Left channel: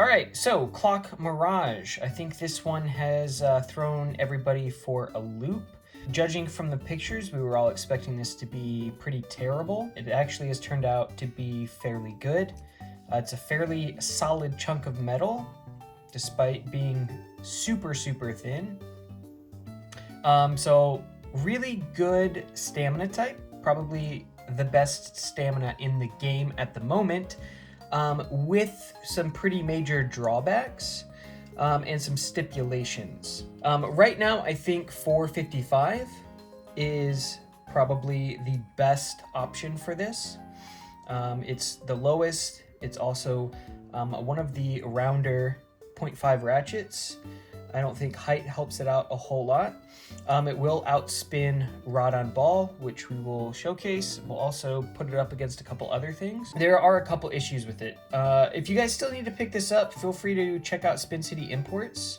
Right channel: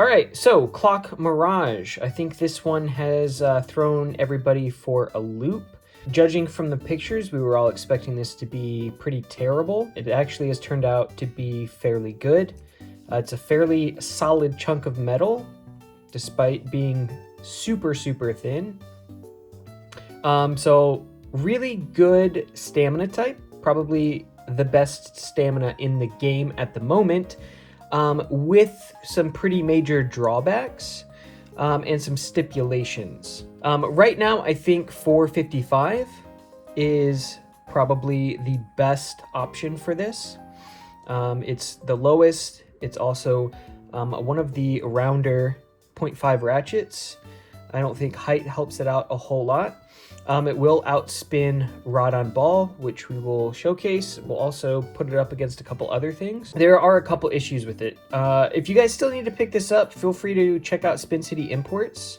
All right, so Clock Mirage. I think this one has thrown everybody for a loop. Judging from the pictures, we were all expecting this to be pretty terrible. It actually has turned out to be fairly good. It's a fairly solid chunk of metal, despite being super, super thin. So really good stamina type, probably the best stamina in the game at the moment, with some pretty major drawbacks and some stipulations. Right now, I think 455 is probably the best option for this. It's the lowest. It's also one of the rounder 0.5 ratchets. I don't think height helps it out a whole lot. It will outspin Rod on Ball, which we will showcase. We'll also put it up against a couple other things. There are a couple issues with it. If you guys still need to pick this up, feel free to check out Spin City Imports.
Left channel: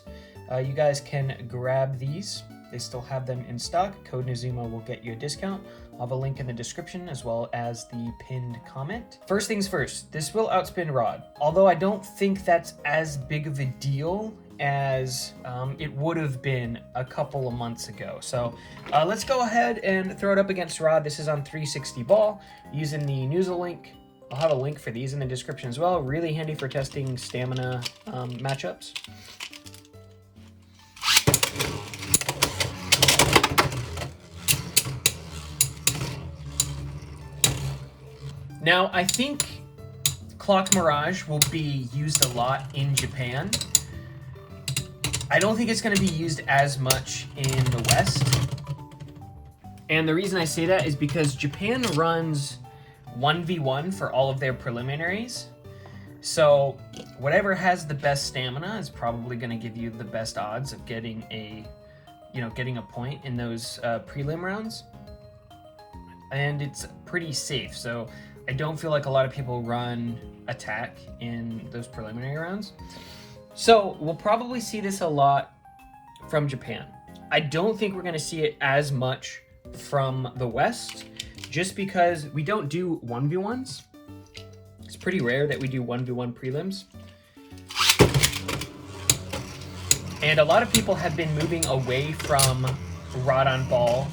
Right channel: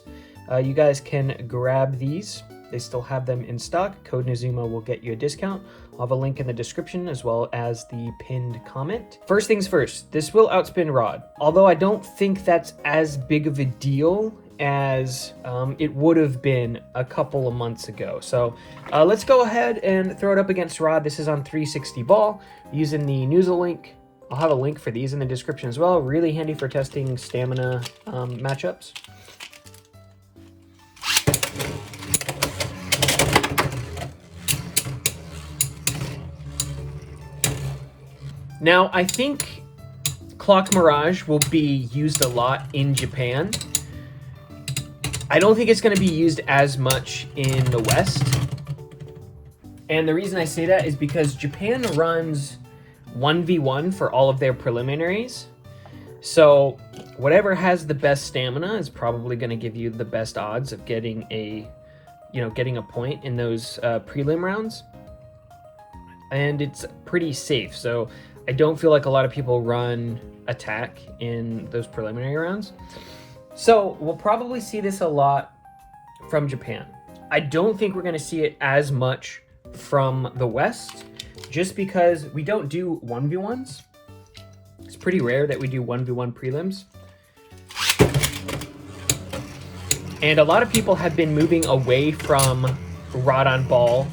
You guys can grab these. They still have them in stock. Code Nazuma will get you a discount. I'll have a link in the description as well as the pinned comment. First things first, this will outspin Rod. Although I don't think that's as big of a deal as it would have been a couple of months ago. So let's go ahead and throw it up against Rod. This is on 360 ball using the Noozle link. I'll have a link for these in the description as well. Really handy for testing stamina matchups. Now, I think Clock Mirage will be used a lot in Japan. I don't think it's going to be used as much in the West. And the reason I say that is because Japan runs 1v1 for all of their preliminaries. So whatever has the best stamina is probably going to give you the best odds of getting a point in those prelim rounds. And it's pretty safe. So I don't feel like a lot of people run attack in those preliminary rounds. So we'll probably see this a lot from Japan. I don't think we're going to see it as much from the West, just because we don't do 1v1s. It's pretty rare that we do 1v1 prelims. And a lot of people have been moving away from Rod on Ball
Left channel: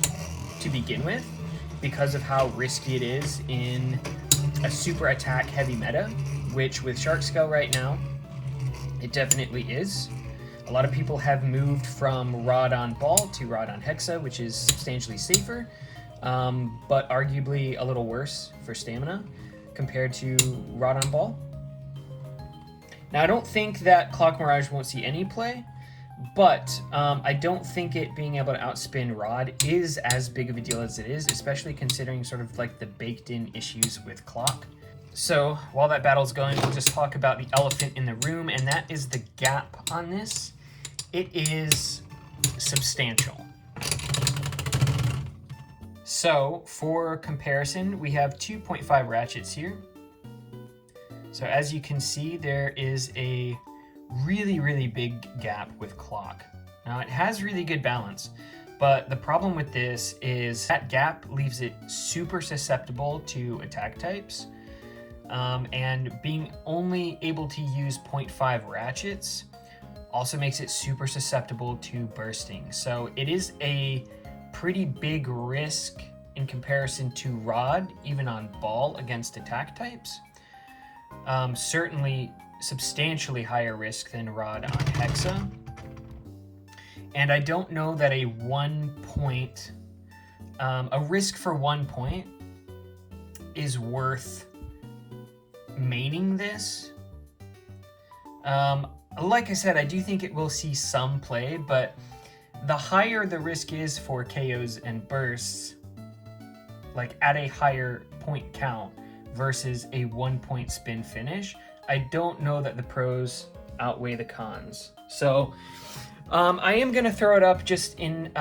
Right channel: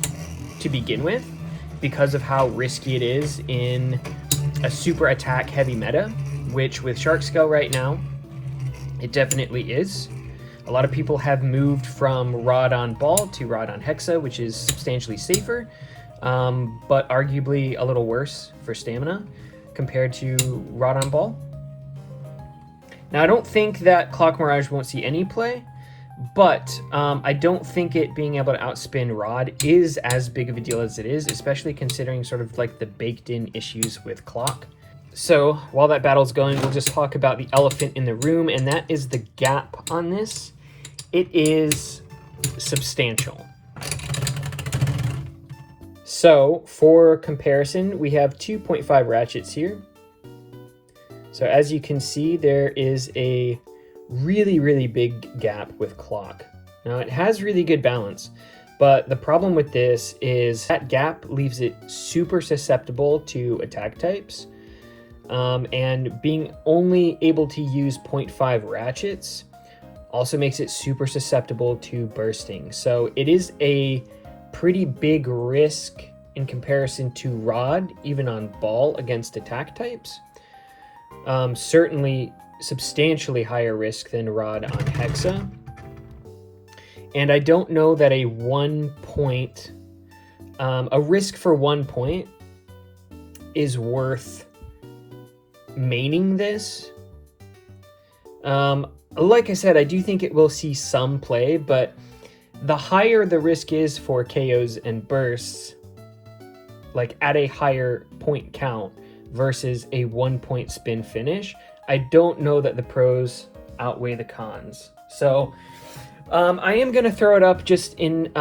to begin with because of how risky it is in a super attack heavy meta, which with Shark Scale right now, it definitely is. A lot of people have moved from Rod on Ball to Rod on Hexa, which is substantially safer, but arguably a little worse for stamina compared to Rod on Ball. Now, I don't think that Clock Mirage won't see any play, but I don't think it being able to outspin Rod is as big of a deal as it is, especially considering sort of like the baked-in issues with Clock. So while that battle's going, we'll just talk about the elephant in the room, and that is the gap on this. It is substantial. So for comparison, we have 2.5 ratchets here. So as you can see, there is a really, really big gap with Clock. Now it has really good balance, but the problem with this is that gap leaves it super susceptible to attack types. And being only able to use 0.5 ratchets also makes it super susceptible to bursting. So it is a pretty big risk in comparison to Rod, even on Ball against attack types. Certainly substantially higher risk than Rod on Hexa. And I don't know that a risk for 1 point is worth maining this. Like I said, I do think it will see some play, but the higher the risk is for KOs and bursts, like at a higher point count versus a 1 point spin finish, I don't know that the pros outweigh the cons. So I am going to throw it up just in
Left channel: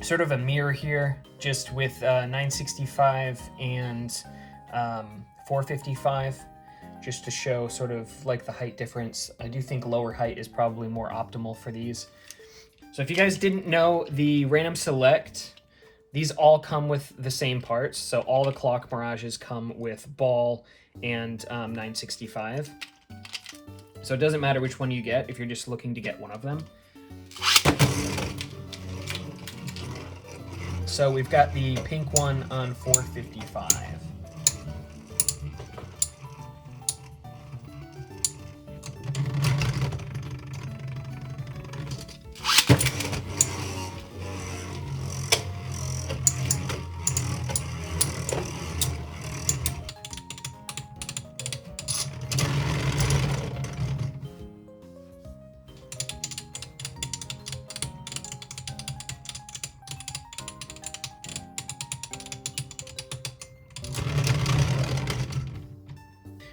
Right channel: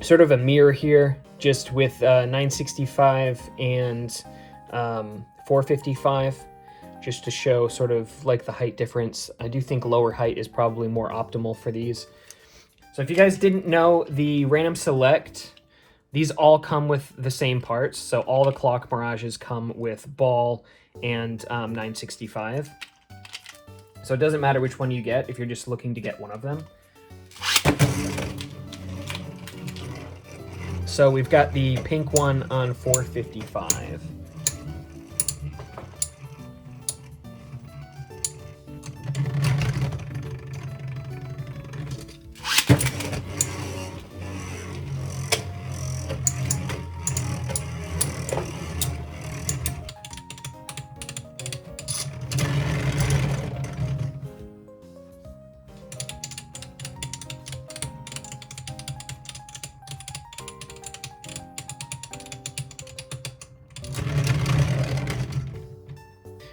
sort of a mirror here, just with 965 and 455, just to show sort of like the height difference. I do think lower height is probably more optimal for these. So if you guys didn't know, the random select, these all come with the same parts. So all the Clock Mirages come with Ball and 965. So it doesn't matter which one you get if you're just looking to get one of them. So we've got the pink one on 455.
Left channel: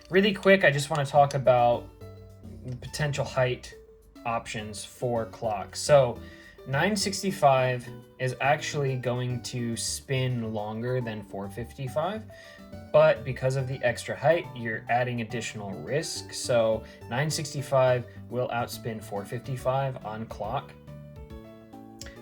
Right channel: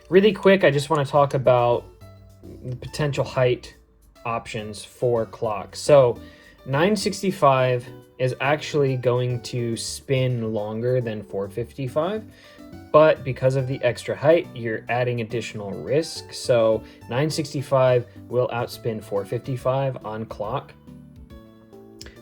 Really quick, I just want to talk about potential height options for clock. So 965 is actually going to spin longer than 455, but because of the extra height, you're adding additional risk. So 965 will outspin 455 on clock.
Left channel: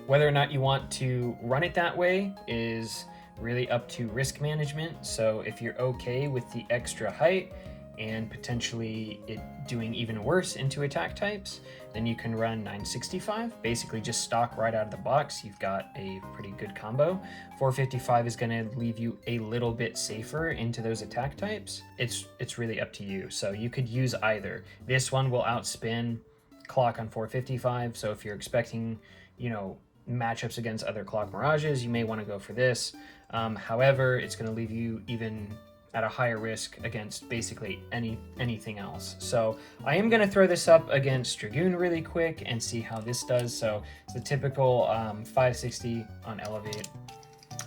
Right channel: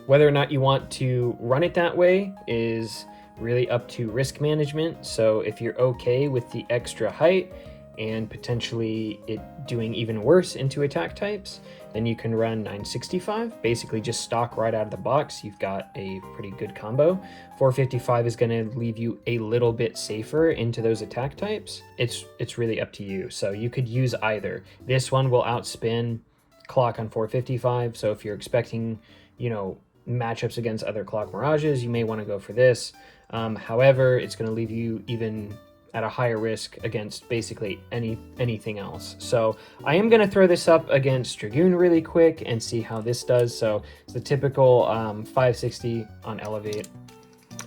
Whether or not you want to run it that way is really up to risk management. So if you're okay with the extra height and potentially it doing even worse into attack types, then you can run 965. Basically just stock right out of the box. You've got a pretty good combo. 455 is going to leave you a little bit safer into those attack types. It's really up to you. So you could use either. This one will outspin clock on 455. So if you're expecting, you know, matchups against other clock Mirages, you may want to go for this. However, it's going to leave you even at a higher risk against basically anything else. So I am going to throw this up against Dragoon really quick and see how this does. So it's the typical 560 on Elevate.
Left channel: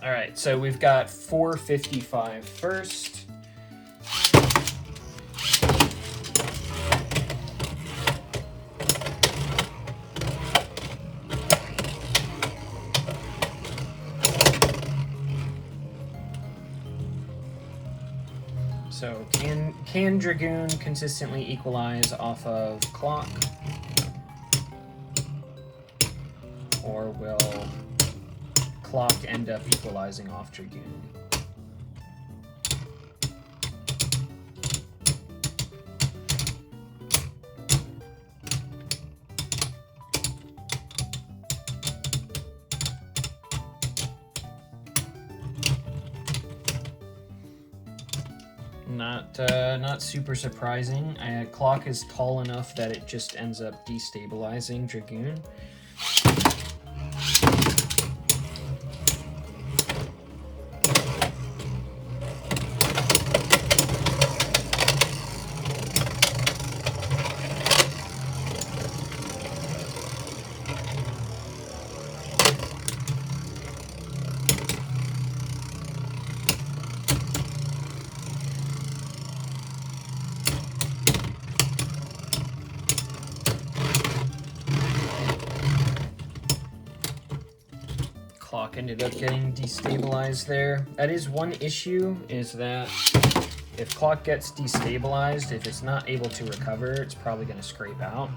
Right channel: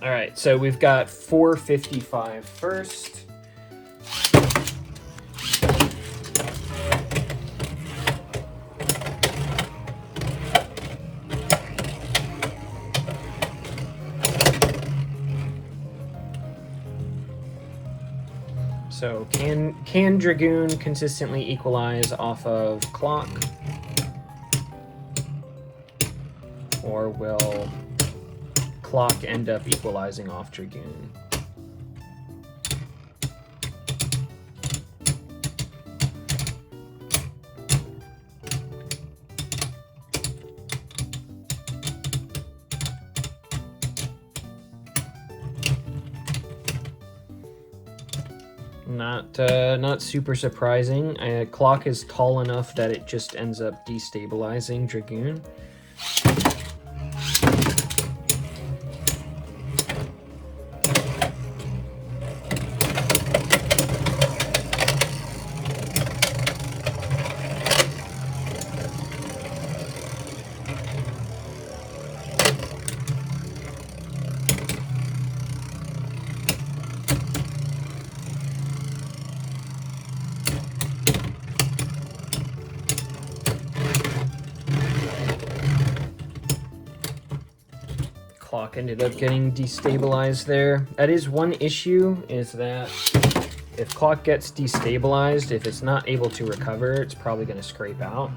All right, so we've got 455 first. So can Dragoon consistently equalize off of clock? Or will clock end up equalizing off Dragoon? Not super surprising. Clock is tall enough that it just ends up destabilizing Dragoon. Clock ended up getting destabilized there. That is one issue, is that if clock gets destabilized, if it's not able to recover, it's probably going to scrape out.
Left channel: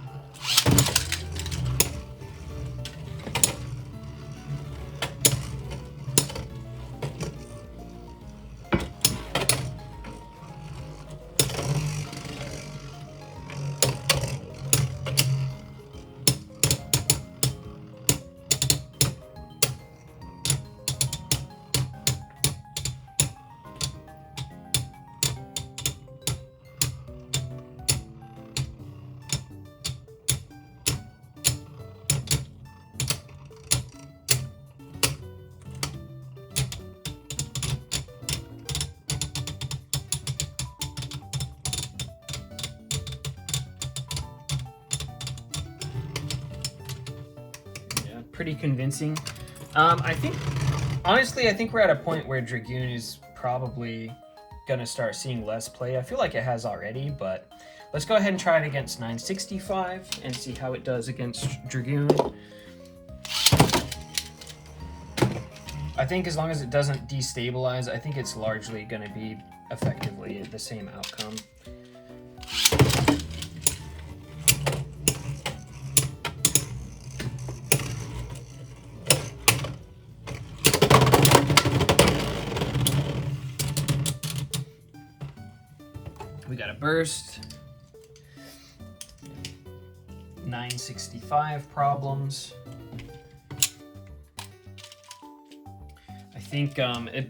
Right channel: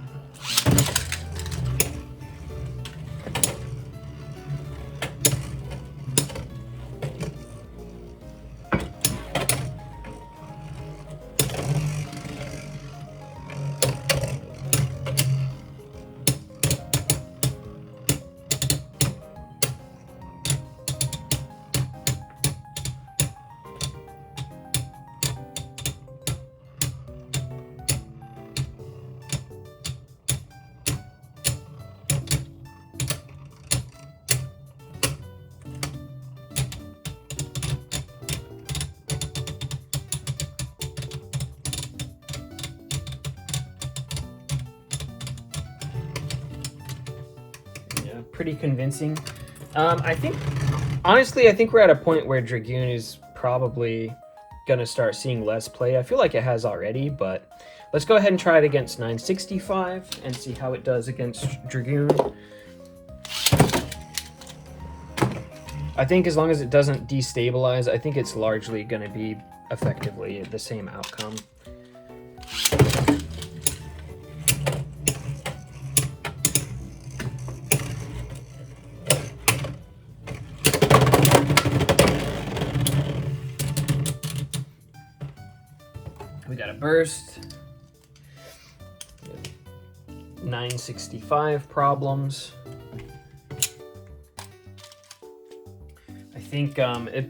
Pretty convincing. I think, honestly, I think we're at a point where Dragoon is probably gonna start seeing less play. I feel like it has already, but let's go ahead and try it against 965 and see how it does against Dragoon. I think as long as it doesn't destabilize, I think it's largely gonna be effectively the same outcome. We got a burst. 965 problems. I think it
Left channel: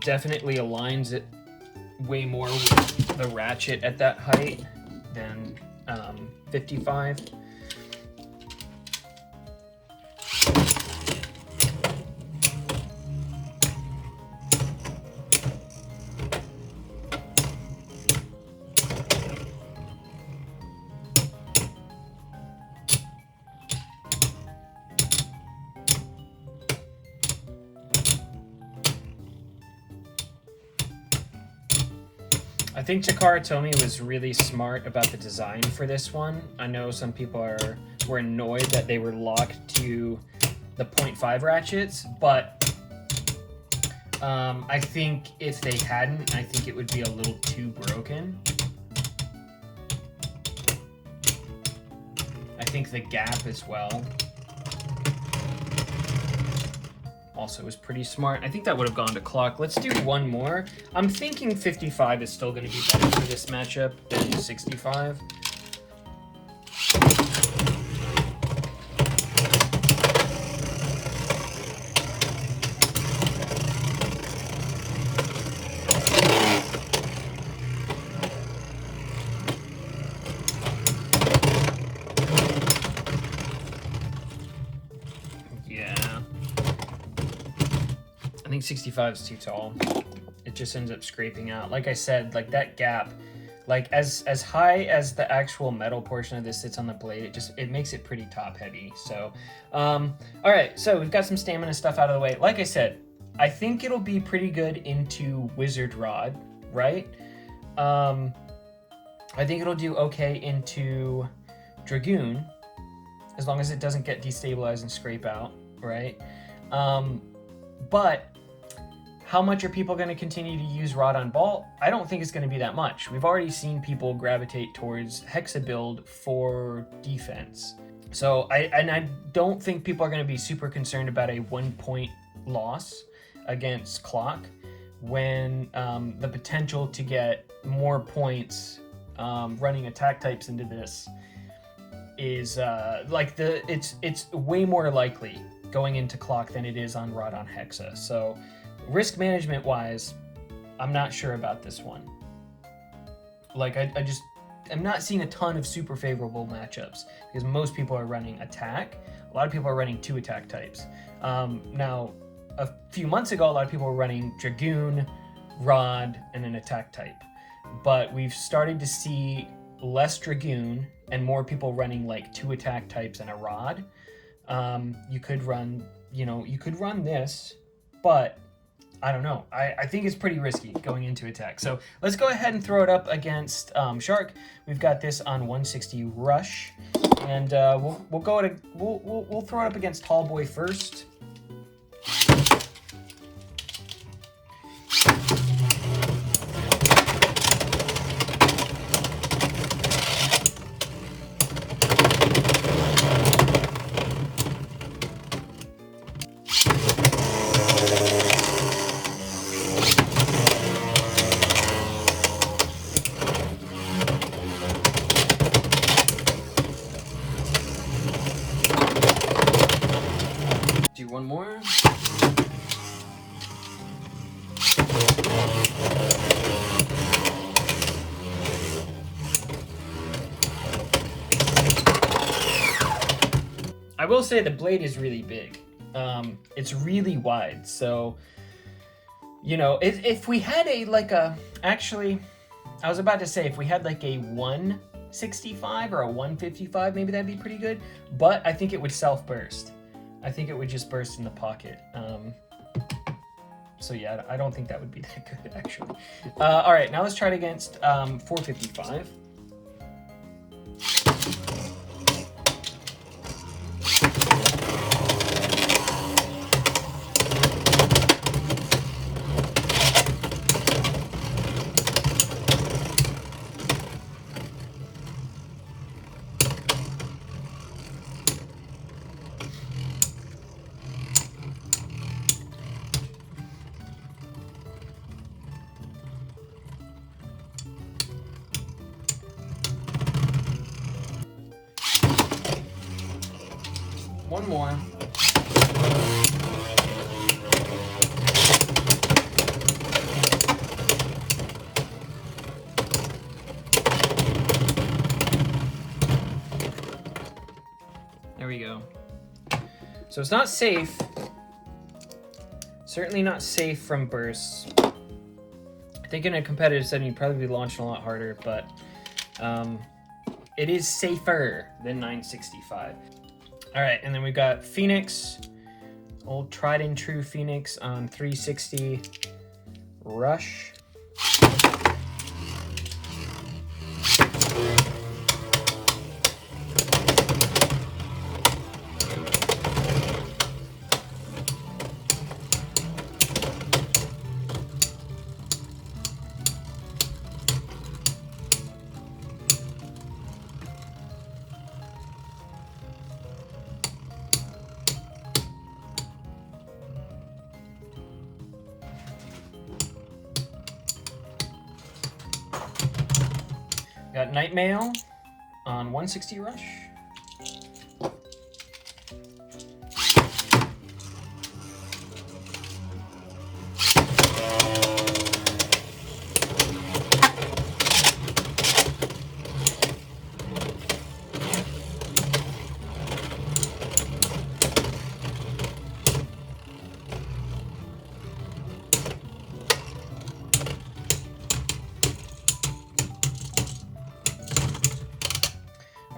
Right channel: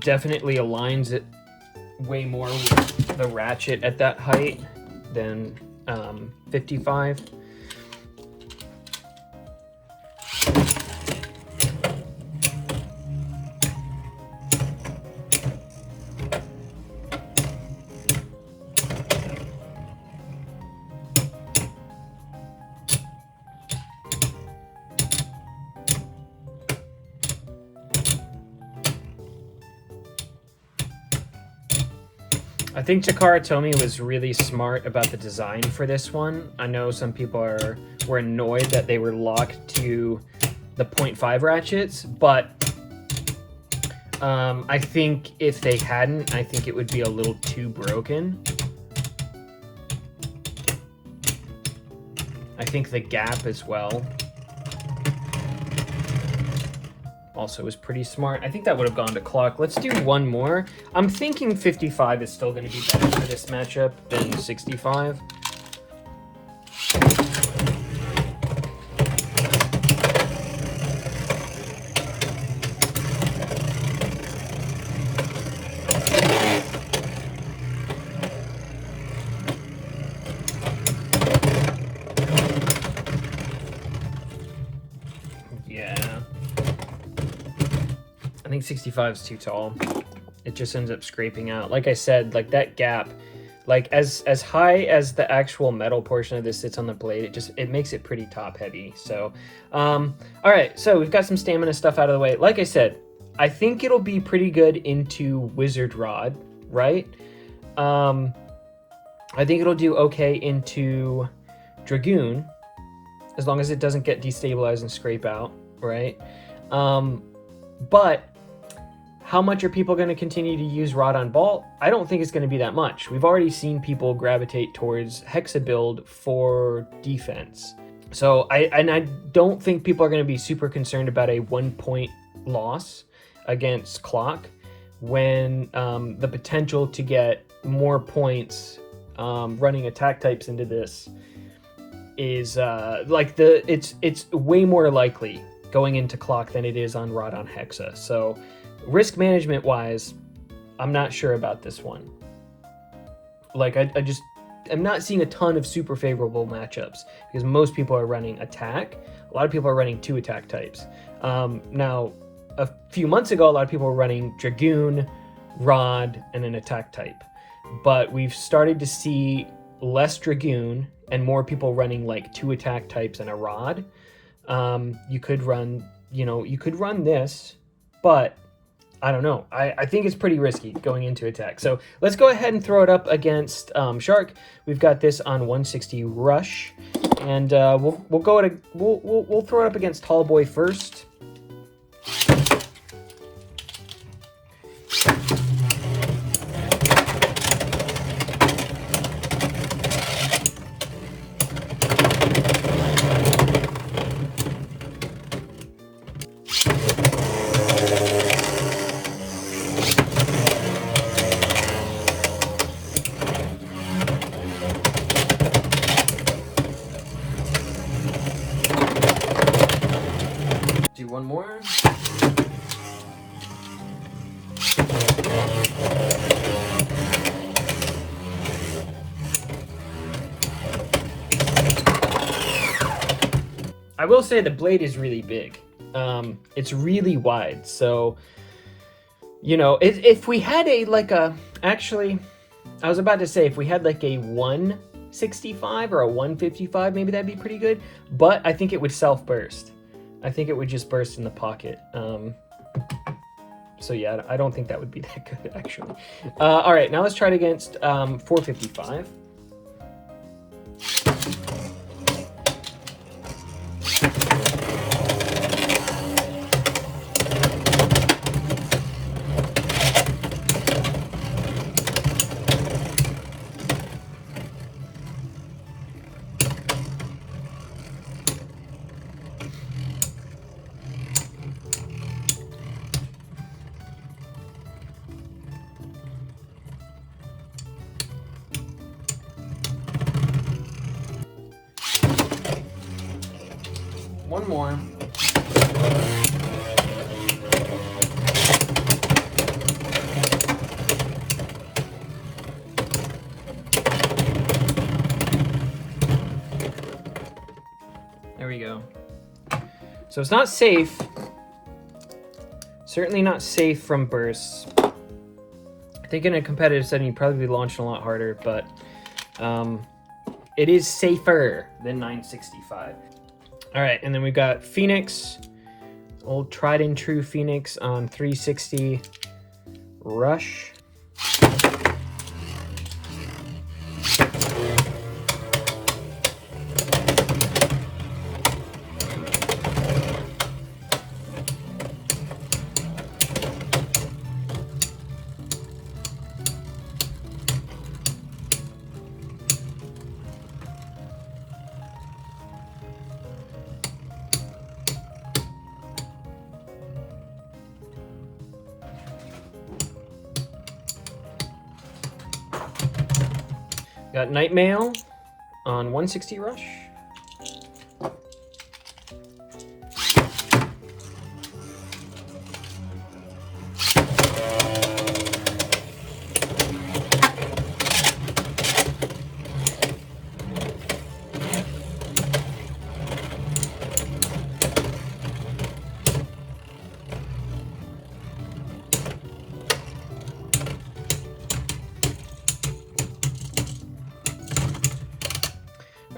definitely aligns it way more with the ratchet at that height than 55. I think Takara Tomy was really smart about the design for this one. I know some people were annoyed that they were locked to the 0.5 ratchets, but I think if they hadn't, I think it would be a little too broken. I think the gap as well also was pretty smart. I think that would have gone to clock. Let's do one more. I'm thinking 55 is still going to be better for this matchup than 65. Yeah. I think 65 is too tall. It just ends up scraping out. Like I said, like that gap, like as high as the actual metal portion of this sits on the blade, it makes it pretty top heavy. So, all right, so we've got some stamina stuff out of the way. Like I said, I think it'll be pretty good into Wizard Rod, right? I think it'll do okay into Dragoon, as long as it doesn't get destabilized and scrape out, right? But how much are people going to continue to use Rod on Bolt? I don't think it's going to be that much. We've already seen people gravitate towards Hexa build for defense. So I don't think people are going to be super concerned about a 1-point loss against Clock when the potential to get more points running attack types into this is it's way more likely going into Clock than it is on Rod on Hexa. So risk management wise, I'm not sure about this one. Like I'm not seeing a ton of super favorable matchups because most people are running attack. A lot of people are running 2 attack types. Now, a few months ago, a lot of people were running Dragoon, Rod, and an attack type. But we've started to see less Dragoon and more people running like 2 attack types and a Rod. You could run this, but I don't know. I think it's pretty risky going into attack. So let's go ahead and throw it up against Shark. We've got this on 160 Rush, and we'll throw it up against Tallboy first. Do one more. I will say the blade is really big. It's really wide, so you know, if we had actually, I was about to say if we had like a 165 or a 155, maybe that'd be pretty good. But I think it would self-burst. I think it would just burst in the pocket. So yeah, I don't think that would be that good actually. All right, now let's try it against 455. one more. There we go. So it's not safe. Certainly not safe from bursts. I think in a competitive setting, you'd probably be launching a lot harder, but it is safer than 965. All right, and then we've got Phoenix, old tried and true Phoenix on 360 Rush. Got Night Mail on 160 Rush.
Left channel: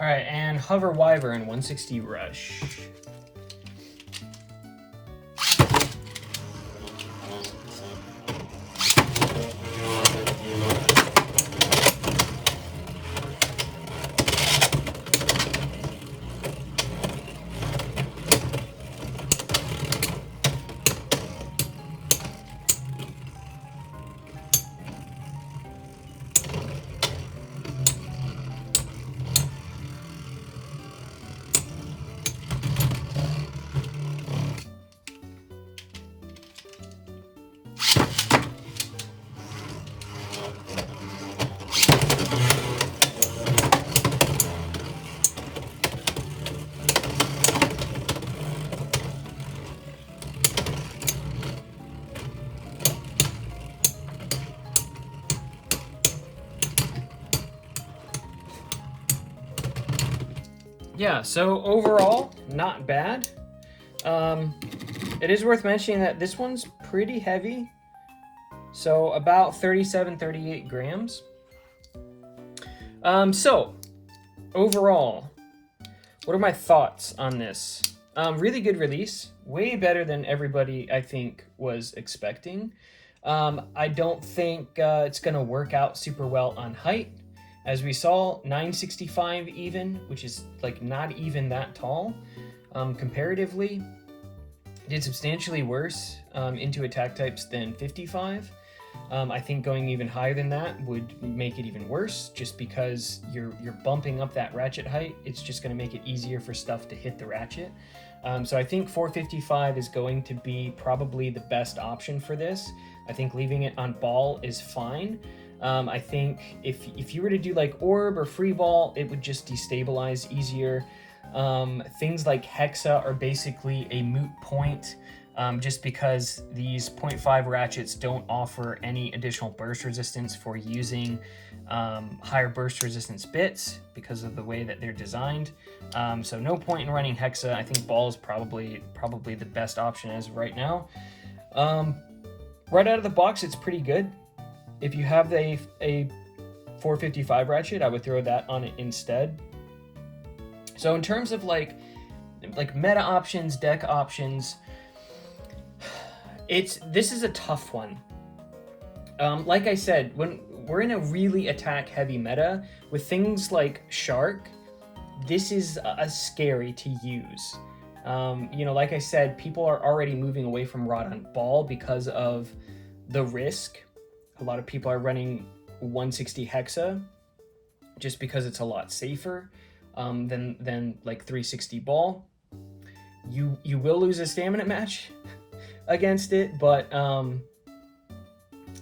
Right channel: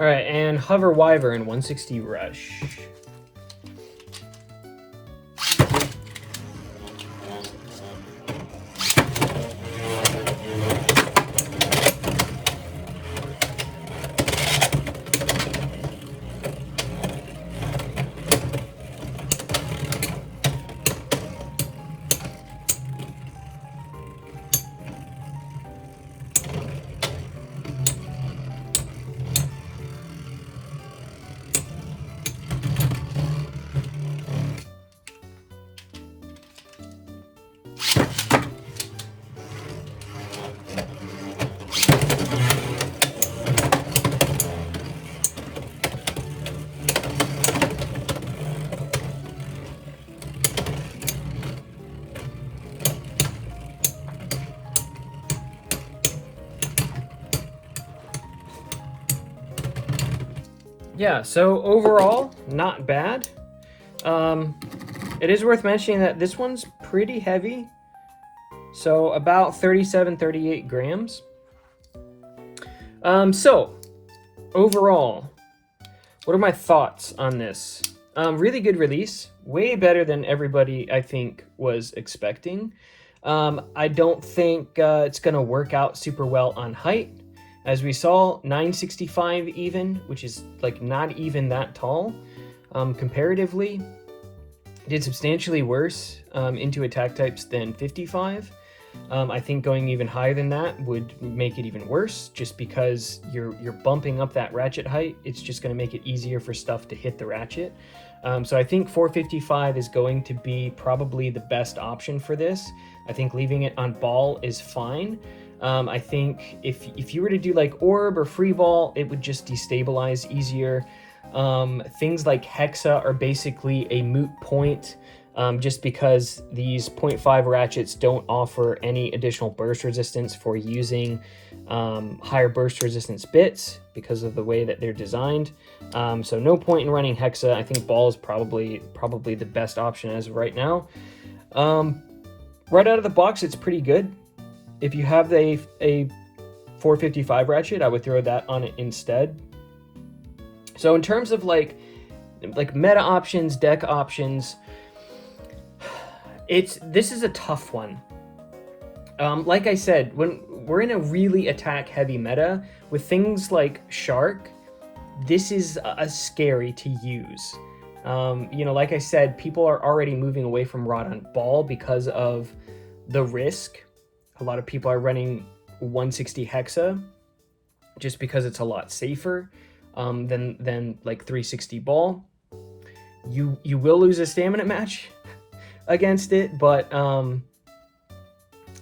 All right, and Hover Wyvern 160 Rush. Yeah, so overall, not bad. It is worth mentioning that this one's pretty heavy. So about 37, 38 grams. So overall, what are my thoughts on this? Really good release, way better than everybody I think was expecting. I don't think it's gonna work out super well on height. As we saw, 965 even, which is like not even that tall comparatively. Did substantially worse into attack types than 55. I think going even higher than that would make it even worse, just because you're bumping up that ratchet height. It's just going to make it easier for stuff to hit the ratchet. So I think 455 is going to be probably the best option for this. I think leaving it on ball is fine. I think if you were to do like orb or free ball, it would just destabilize easier. Things like Hexa are basically a moot point, just because these 0.5 ratchets don't offer any additional burst resistance for using higher burst resistance bits because of the way that they're designed. So no point in running Hexa. I think ball is probably the best option as of right now. Right out of the box, it's pretty good. If you have a 455 ratchet, I would throw that on it instead. So in terms of like meta options, deck options, this is a tough one. Like I said, when we're in a really attack heavy meta with things like Shark, this is scary to use. You know, like I said, people are already moving away from Rod on Ball because of the risk. A lot of people are running 160 Hexa just because it's a lot safer than like 360 Ball. You will lose a stamina match against it, but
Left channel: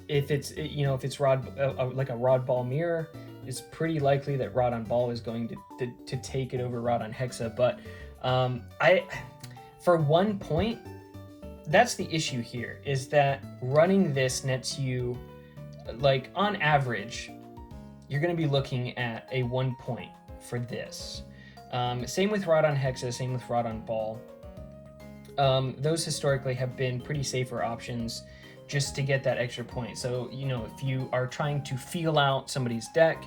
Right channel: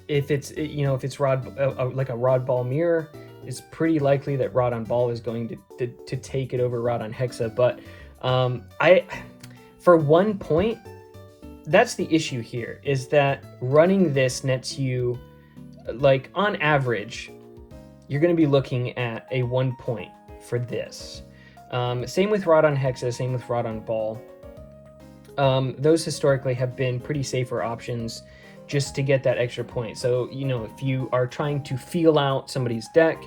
if it's Rod like a Rod Ball mirror, it's pretty likely that Rod on Ball is going to take it over Rod on Hexa. But For 1 point, that's the issue here, is that running this nets you, like, on average, you're going to be looking at a 1 point for this. Same with Rod on Hexa, same with Rod on Ball. Those historically have been pretty safer options just to get that extra point. So, you know, if you are trying to feel out somebody's deck,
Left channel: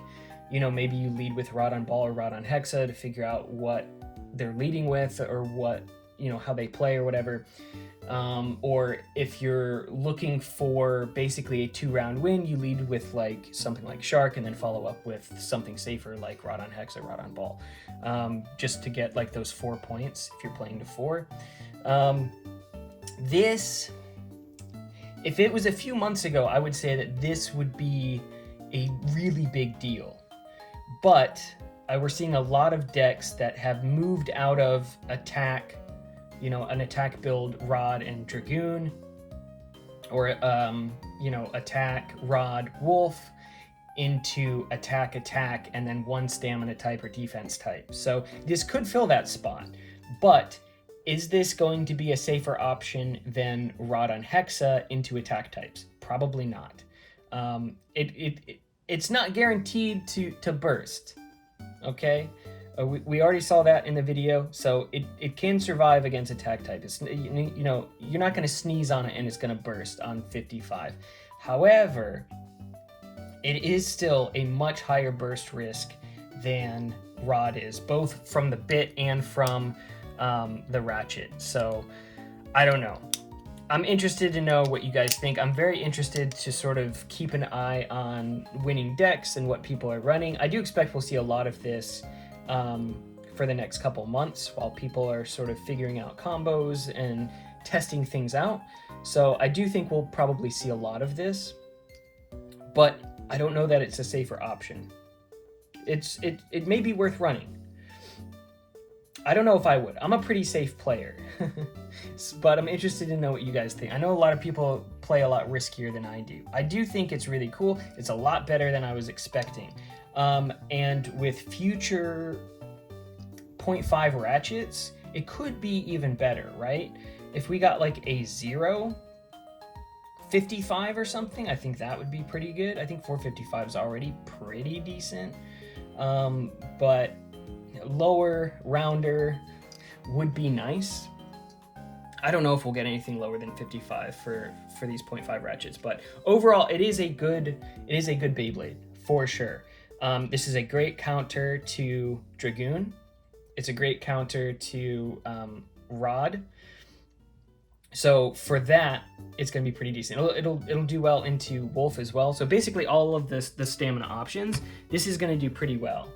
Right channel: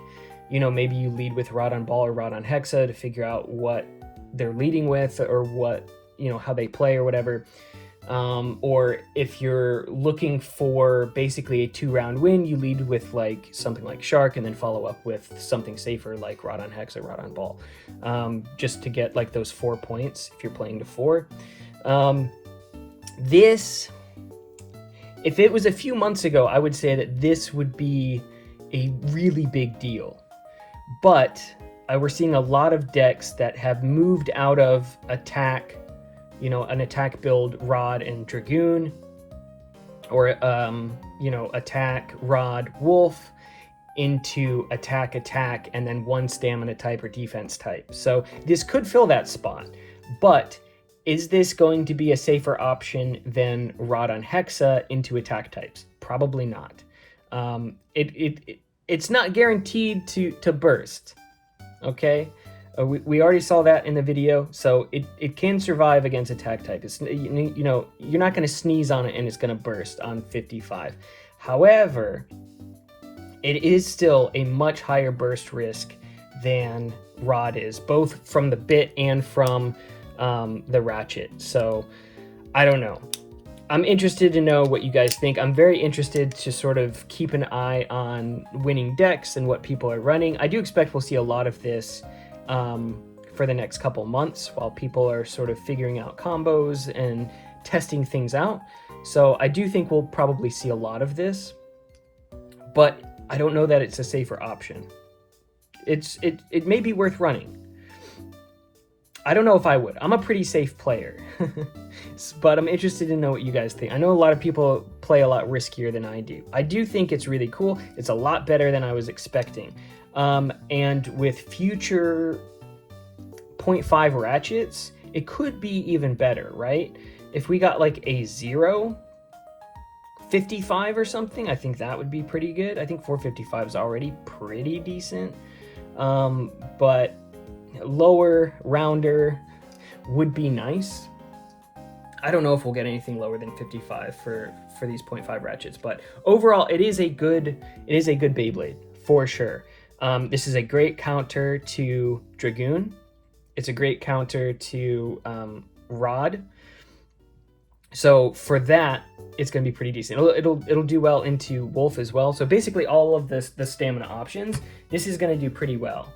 you know, maybe you lead with Rod on Ball or Rod on Hexa to figure out what they're leading with, or what, you know, how they play or whatever. Or if you're looking for basically a 2-round win, you lead with like something like Shark and then follow up with something safer like Rod on Hex or Rod on Ball, just to get like those 4 points if you're playing to 4. This, if it was a few months ago, I would say that this would be a really big deal. But we're seeing a lot of decks that have moved out of attack, you know, an attack build Rod and Dragoon, or you know, attack Rod Wolf, into attack and then 1 stamina type or defense type. So this could fill that spot, but is this going to be a safer option than Rod on Hexa into attack types? Probably not. It's not guaranteed to burst, okay? We already saw that in the video, so it can survive against attack type. It's, you know, you're not going to sneeze on it and it's going to burst on 55. However, it is still a much higher burst risk than Rod is, both from the bit and from the ratchet. So I don't know. I'm interested to know what you guys think. I'm very interested to sort of keep an eye on winning decks and what people are running. I do expect we'll see a lot of this for the next couple months while people are sort of figuring out combos and testing things out. So I do think we'll probably see a lot of this, but I don't know that it's a safer option. It may be worth running. I don't know if I would. I'm a pretty safe player, but I'm interested to know what you guys think. I know a lot of people play a lot riskier than I do. I do think it's really cool. It's a lot better than I was expecting. And with future 0.5 ratchets, it could be even better, right? If we got like a 0.55 or something, I think that would be pretty good. I think 455 is already pretty decent. But lower, rounder would be nice. I don't know if we'll get anything lower than 55 for these 0.5 ratchets, but overall it is a good Beyblade for sure. This is a great counter to Dragoon. It's a great counter to Rod. So for that, it's going to be pretty decent. It'll do well into Wolf as well. So basically all of the stamina options, this is going to do pretty well.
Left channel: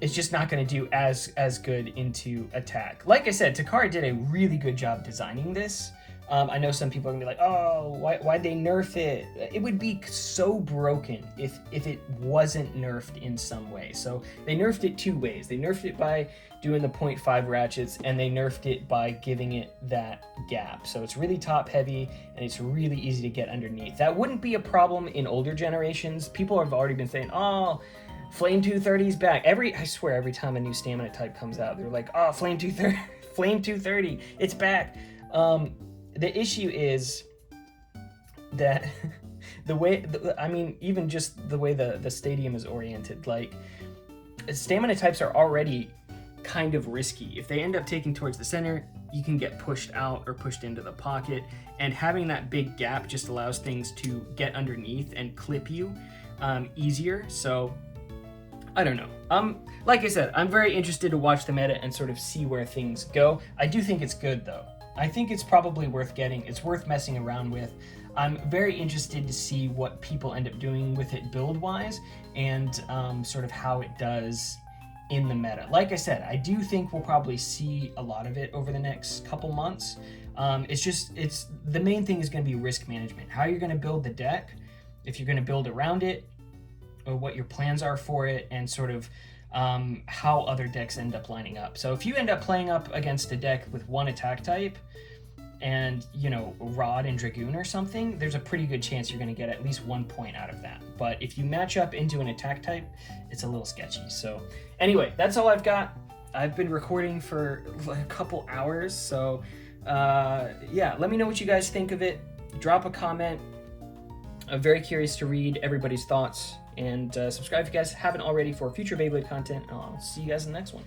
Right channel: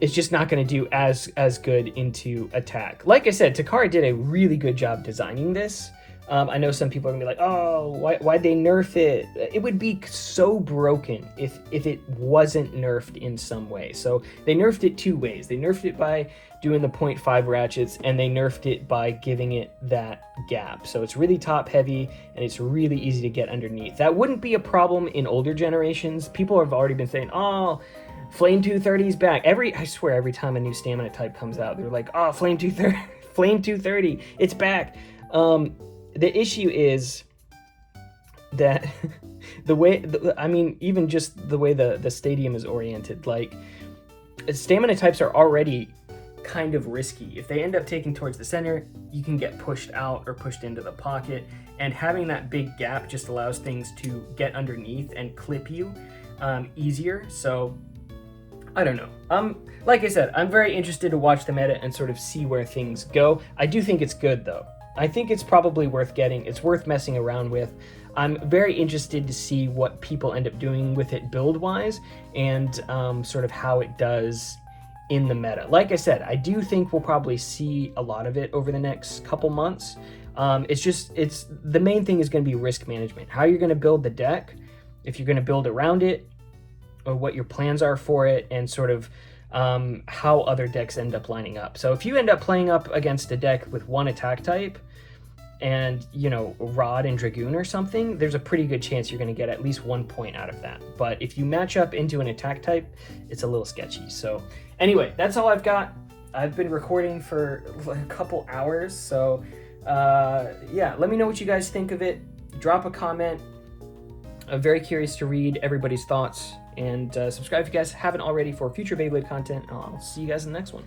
It's just not going to do as good into attack. Like I said, Takara did a really good job designing this. I know some people are going to be like, oh, why'd they nerf it? It would be so broken if it wasn't nerfed in some way. So they nerfed it 2 ways. They nerfed it by doing the 0.5 ratchets, and they nerfed it by giving it that gap. So it's really top heavy, and it's really easy to get underneath. That wouldn't be a problem in older generations. People have already been saying, oh, Flame 230 is back. I swear every time a new stamina type comes out, they're like, oh, Flame 230, it's back. The issue is that the way, I mean, even just the way the stadium is oriented, like, stamina types are already kind of risky. If they end up taking towards the center, you can get pushed out or pushed into the pocket, and having that big gap just allows things to get underneath and clip you easier. So I don't know. Like I said, I'm very interested to watch the meta and sort of see where things go. I do think it's good though. I think it's probably worth getting. It's worth messing around with. I'm very interested to see what people end up doing with it build-wise, and sort of how it does in the meta. Like I said, I do think we'll probably see a lot of it over the next couple months. It's the main thing is going to be risk management. How you're going to build the deck, if you're going to build around it, or what your plans are for it, and sort of how other decks end up lining up. So if you end up playing up against a deck with 1 attack type and, you know, Rod and Dragoon or something, there's a pretty good chance you're going to get at least 1 point out of that. But if you match up into an attack type, it's a little sketchy. So anyway, that's all I've got. I've been recording for like a couple hours, so yeah, let me know what you guys think of it. Drop a comment. I'm very curious to read everybody's thoughts, and subscribe if you guys haven't already for future Beyblade content. I'll see you guys in the next one.